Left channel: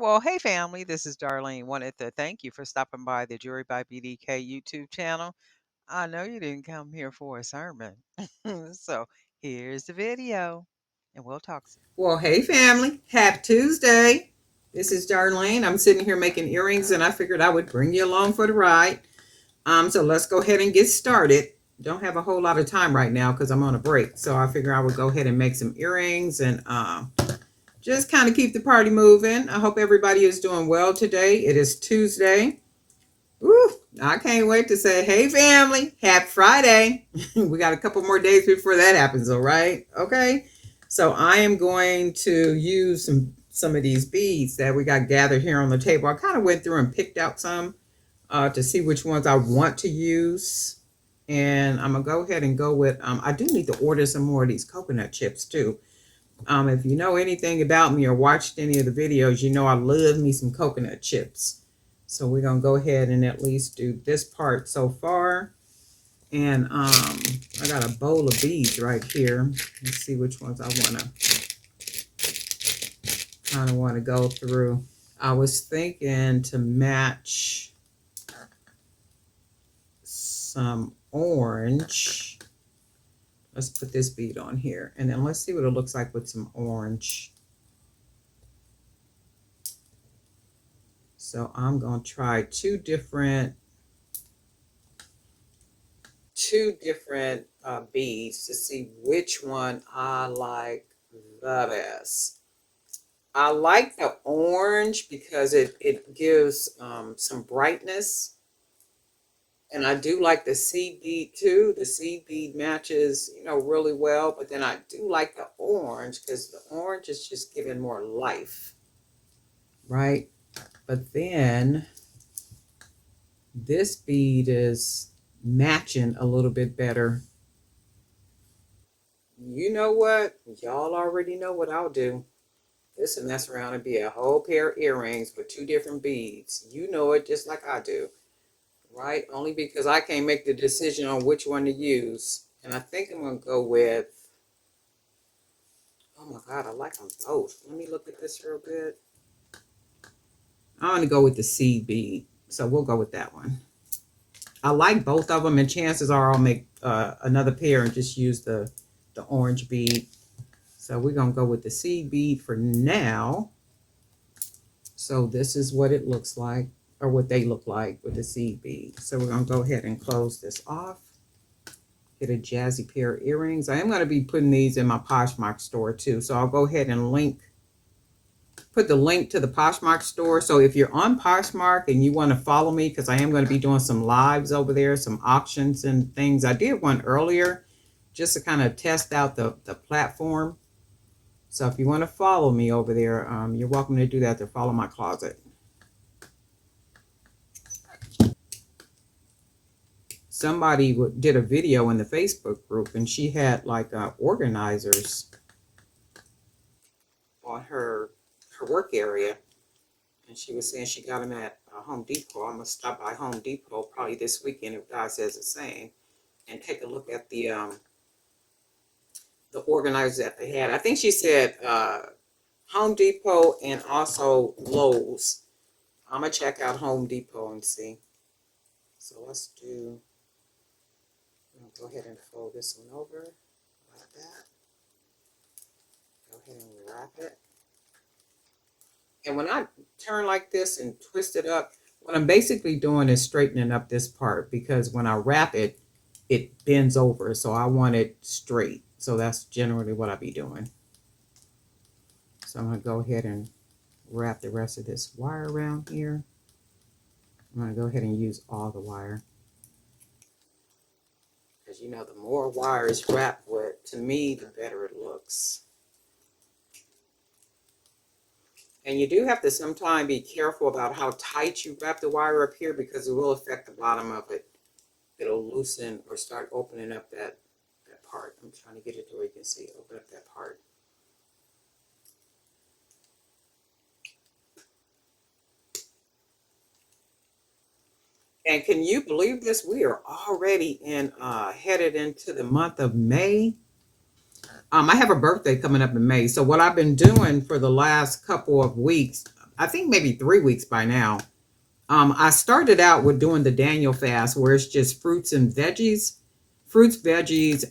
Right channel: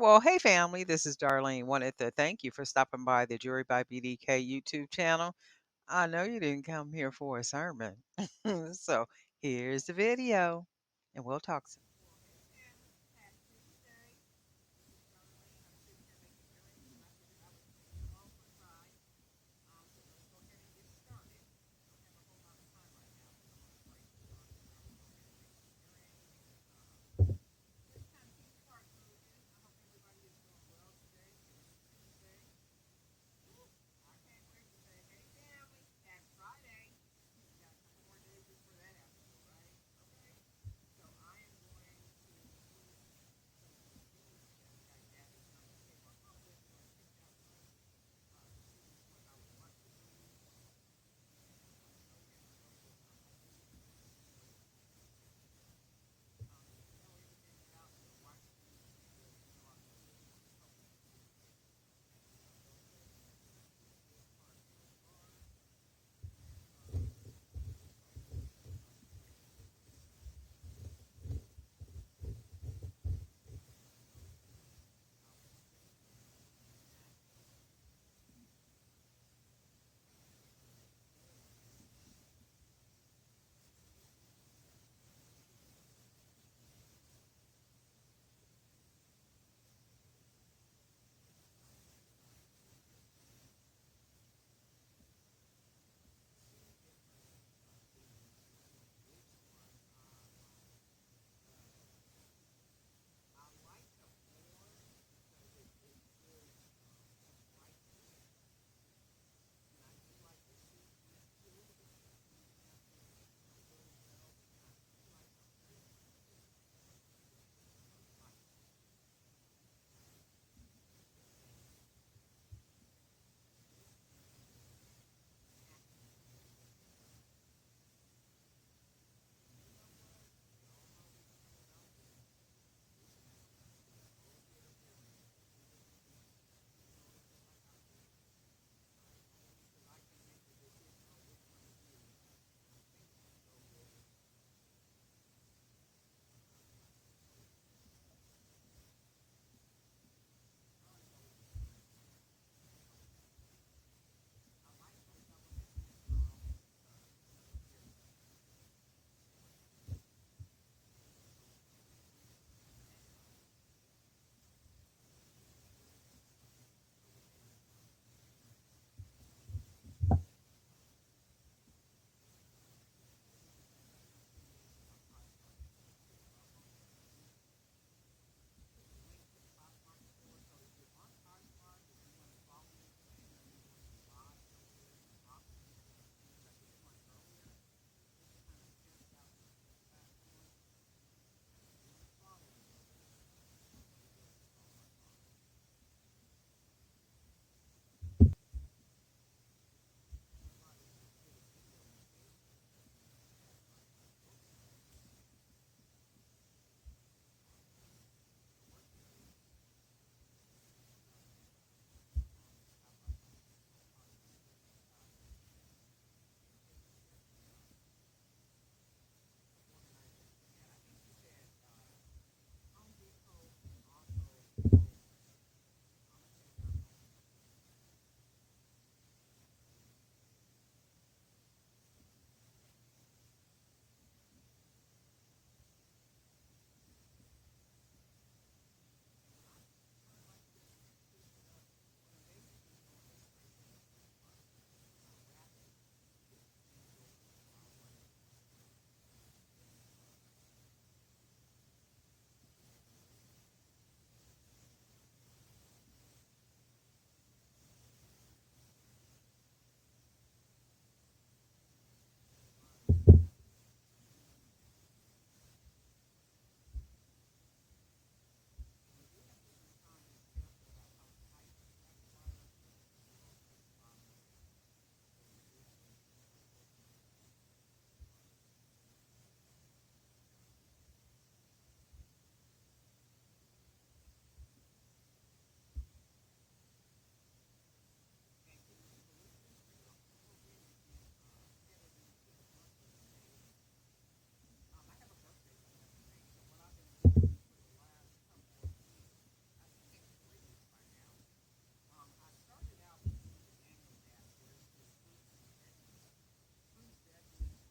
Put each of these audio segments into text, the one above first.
Well, hey family, this is Darlene. Wanted to thank you for stopping by the Jury by BDK YouTube channel. I know you didn't come here for a sermon. So here's the video and we'll talk soon. Well, hey family, happy Tuesday. This is Darlene. I'm sitting here making earrings and I figured I would bring you along for the ride. So let's go ahead and get started. Don't have a whole lot of time right now because I'm on a break. So I figure I would go ahead and make some earrings and just kind of keep the party moving. I hope everybody is doing well today. It is Tuesday. Woo, I can't wait to say, hey family, happy Friday. We got a couple more days before that happens, all right? Okay. So I am going to use some of these beads that we got gathered here on the table. I kind of went through and picked out some to see which ones I want to use. And I'm gonna go ahead and go with I do need to order some more of these coconut chips too. If you know anything about me or watched any of the videos, you know I love me some coconut chips. So we're gonna go ahead and at least do this part so far. And I got a bowl of beads right here. Let's see which ones I wanna go through. I was thinking to match some orange. Let's put this bead on here and then let's see what it looks like with some orange. So I'm going to try two different beads to see which one I like the best. I like the orange because it gives some brightness. And I do like the seed bead too. The seed bead matches, really well. But then I do like the orange because the orange is just giving more life, right? But then this bead is matching a little bit better. You know what? Y'all already know what I'll do. This will mess around and be a whole pair of earrings with two different beads. You know it just like I do. Right? Only because I can't make the decision on which one to use. And I think I'm going to go with, oh my God, I like them both. Let me look at this real good. I'm going to go with the seed bead. So we'll go with that one. I like both of them, and chances are I'll make another pair and just use the orange bead. So we're going to go with the seed bead for now. So this is what it looks like, or what they look like with the seed bead. So we're going to go ahead and close this off. Get a jazzy pair of earrings. I am going to be putting these in my Poshmark store too. So I'll go ahead and put the link to the Poshmark store. So if you're on Poshmark and you want to follow me, because I am going to be doing some lives over there, some auctions and things. I did one earlier just to kind of test out the platform. So if you want to follow me over there, you're welcome to do that, to follow my closet. Somebody did a video in the Facebook group, and she had like organizers on her work area, and she was saying she got them at Home Depot. I'm gonna stop by Home Depot probably this weekend if God says the same, and take a look at the organizers that they had. I think she said Home Depot and also Lowe's. I'm gonna check out Home Depot and see. So let's do. Go ahead and fold this one over like that. Go ahead and wrap it. And when I turn like this and twist it up, what I'm basically doing is straightening up this part, because when I wrap it, it bends over. So I want it straight. So that's generally what I'll be doing. So I'm going to go ahead and wrap the rest of this wire around here. I'm going to go ahead and use all the wire. Because the more wire is wrapped with, to me, the better it looks. And you do have to sometimes be careful about how tight you wrap the wire up here, because it will affect the bottom of it. It'll loosen or start opening up that part. I'm trying to get it to where you can see, open up that part. And can you believe this? We are already headed into the month of May. I have a birthday coming up in May. So what I've been doing for the last couple of weeks, I think maybe 3 weeks by now. I started out with doing the Daniel fast, where it's just fruits, veggies,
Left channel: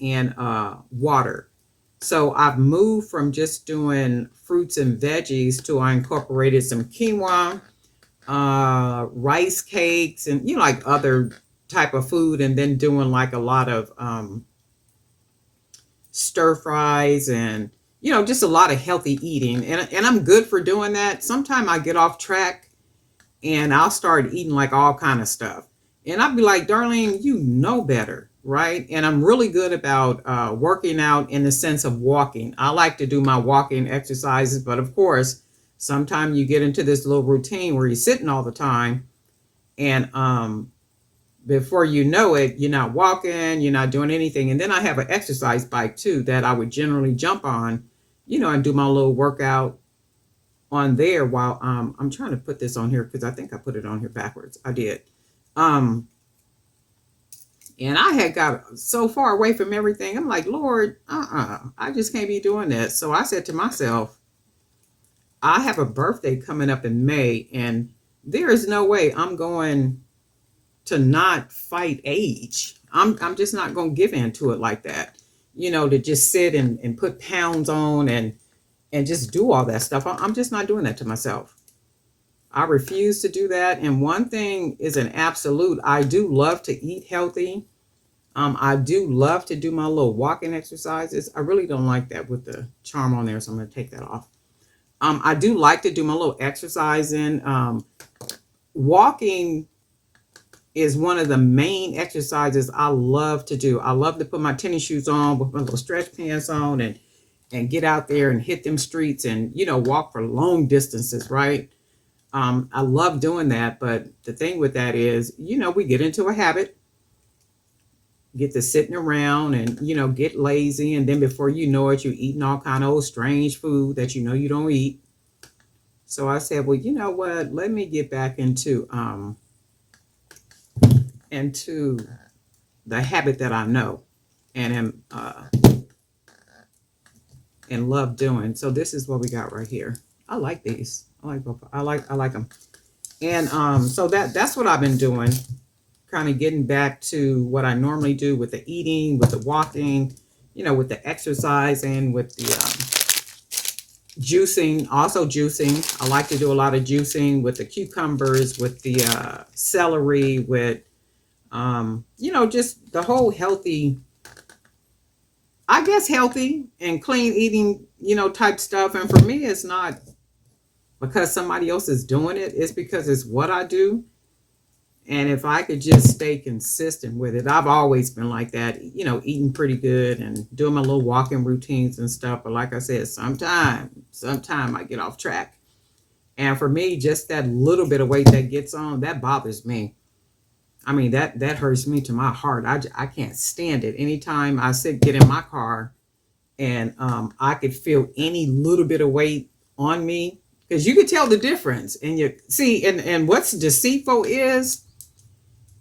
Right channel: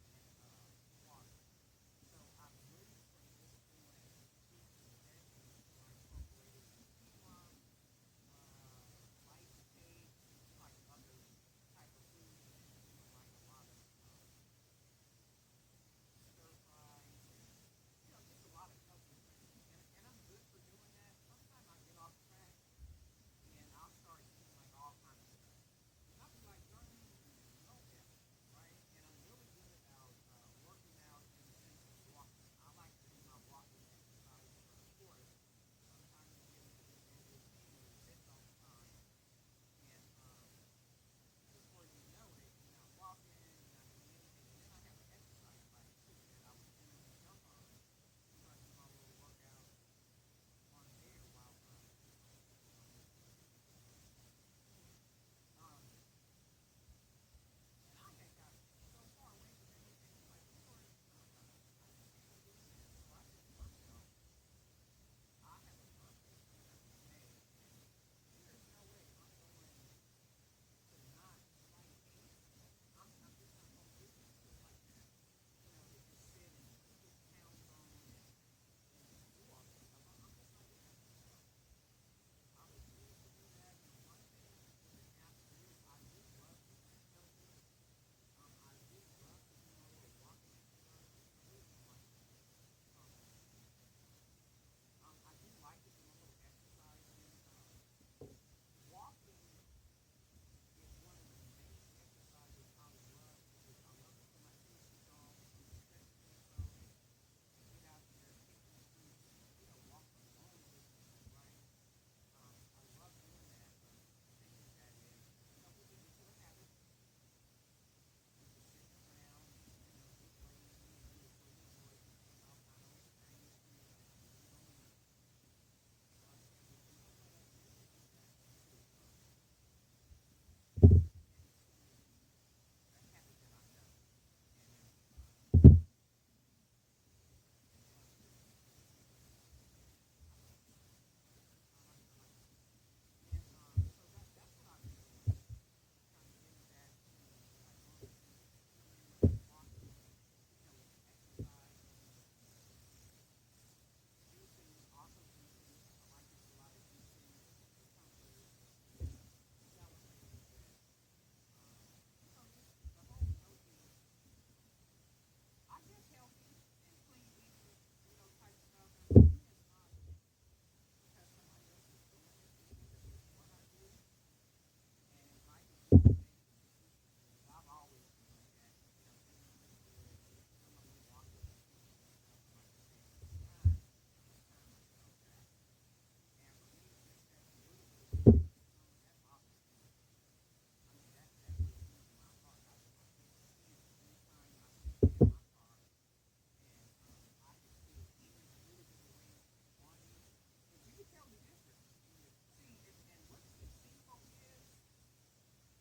and water. So I've moved from just doing fruits and veggies to I incorporated some quinoa, rice cakes, and like other type of food, and then doing like a lot of stir fries and just a lot of healthy eating, and I'm good for doing that. Sometimes I get off track and I'll start eating like all kind of stuff. And I'll be like, Darlene, you know better, right? And I'm really good about working out in the sense of walking. I like to do my walking exercises, but of course, sometimes you get into this little routine where you're sitting all the time, and before you know it, you're not walking, you're not doing anything. And then I have an exercise bike too that I would generally jump on, and do my little workout on there while I'm trying to put this on here because I think I put it on here backwards. I did. Um and I had got so far away from everything. I'm like, Lord, I just can't be doing this. So I said to myself, I have a birthday coming up in May, and there is no way I'm going to not fight age. I'm just not going to give in to it like that. To just sit and put pounds on and just do all that stuff. I'm just not doing that to myself. I refuse to do that. And one thing is an absolute, I do love to eat healthy. I do love to do my little walking exercises. I really don't like that with the charm on there, so I'm going to take that off. I do like to do my little exercising. Walking is one of the main exercises I love to do. I love to put my tennis shoes on with my little stretch pants on and get out there and hit them streets and walk for long distances, right? I love doing that, but the thing with that is, we get into a habit, get to sitting around and get lazy, and then before you know it, you're eating all kind of old strange food that you don't eat. So I said, well, you know what? Let me get back into the habit that I know and am and love doing. So this is what we got right here. I like these. I like both. I like them. And so that's what I've been doing, kind of getting back to what I normally do with the eating, with the walking, with the exercising, with the juicing. Also juicing. I like to do a lot of juicing with the cucumbers, with the celery, with just the whole healthy, I guess healthy and clean eating, type stuff. And for me, it's not because somebody else is doing it. It's because it's what I do. And if I could just stay consistent with it, I've always been like that, eating pretty good and doing my little walking routines and stuff. But like I said, sometime I get off track. And for me, just that little bit of weight that gets on, that bothers me. I mean, that hurts me to my heart. I can't stand it. Anytime I get in my car and I could feel any little bit of weight on me, because you could tell the difference. And you see, and what's deceitful is,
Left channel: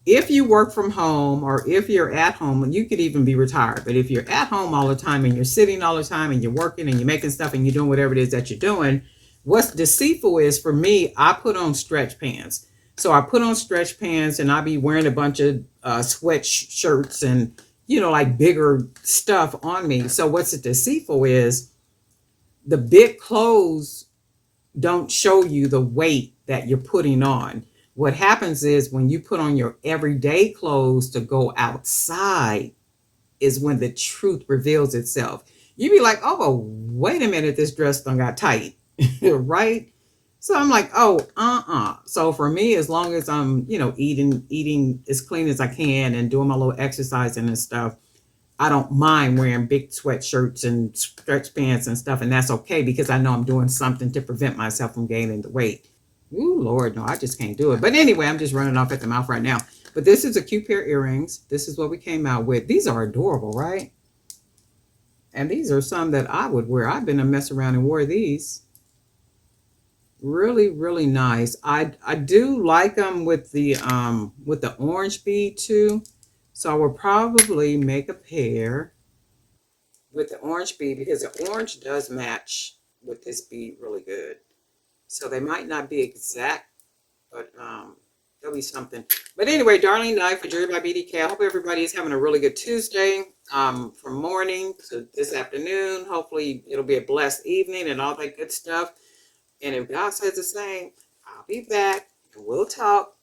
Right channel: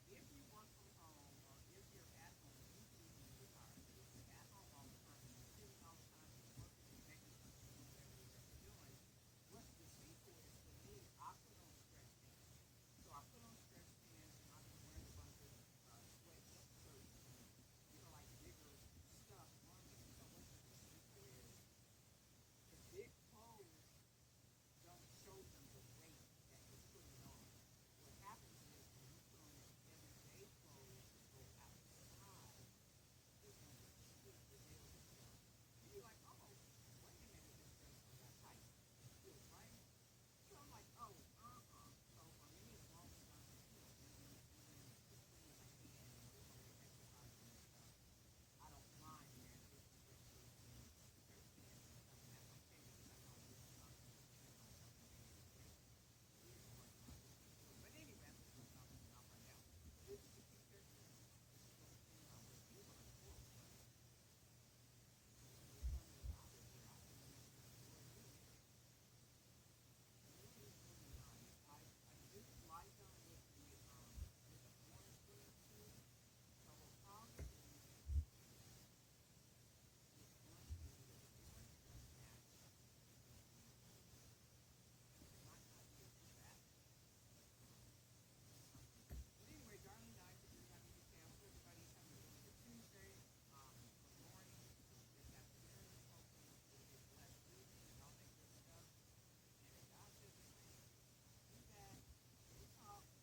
if you work from home or if you're at home, and you could even be retired, but if you're at home all the time and you're sitting all the time and you're working and you're making stuff and you're doing whatever it is that you're doing, what's deceitful is, for me, I put on stretch pants. So I put on stretch pants and I be wearing a bunch of sweatshirts and, like bigger stuff on me. So what's deceitful is, the big clothes don't show you the weight that you're putting on. What happens is, when you put on your everyday clothes to go outside, is when the truth reveals itself. You be like, oh, wait a minute, this dress done got tight, right? So I'm like, oh, So for me, as long as I'm, eating as clean as I can and doing my little exercising and stuff, I don't mind wearing big sweatshirts and stretch pants and stuff. And that's okay, because I know I'm doing something to prevent myself from gaining the weight. Ooh, Lord, no, I just can't do it. But anyway, I'm just running off at the mouth right now. But this is a cute pair of earrings. This is what we came out with. These are adorable, right? And these are some that I would wear. I've been a mess around and wore these. Really, really nice. I do like them with the orange bead too. So I will probably make a pair with the orange bead, because the orange does match with this bead really good. So they might not be exact, but there'll be something. But anyway, Darlene Knight for Jury by BDK. I hope everybody is having a really good Tuesday from morning to this afternoon. Hopefully, it'll be a blessed evening and all that good stuff. And if God says the same, I'll be back and we'll talk.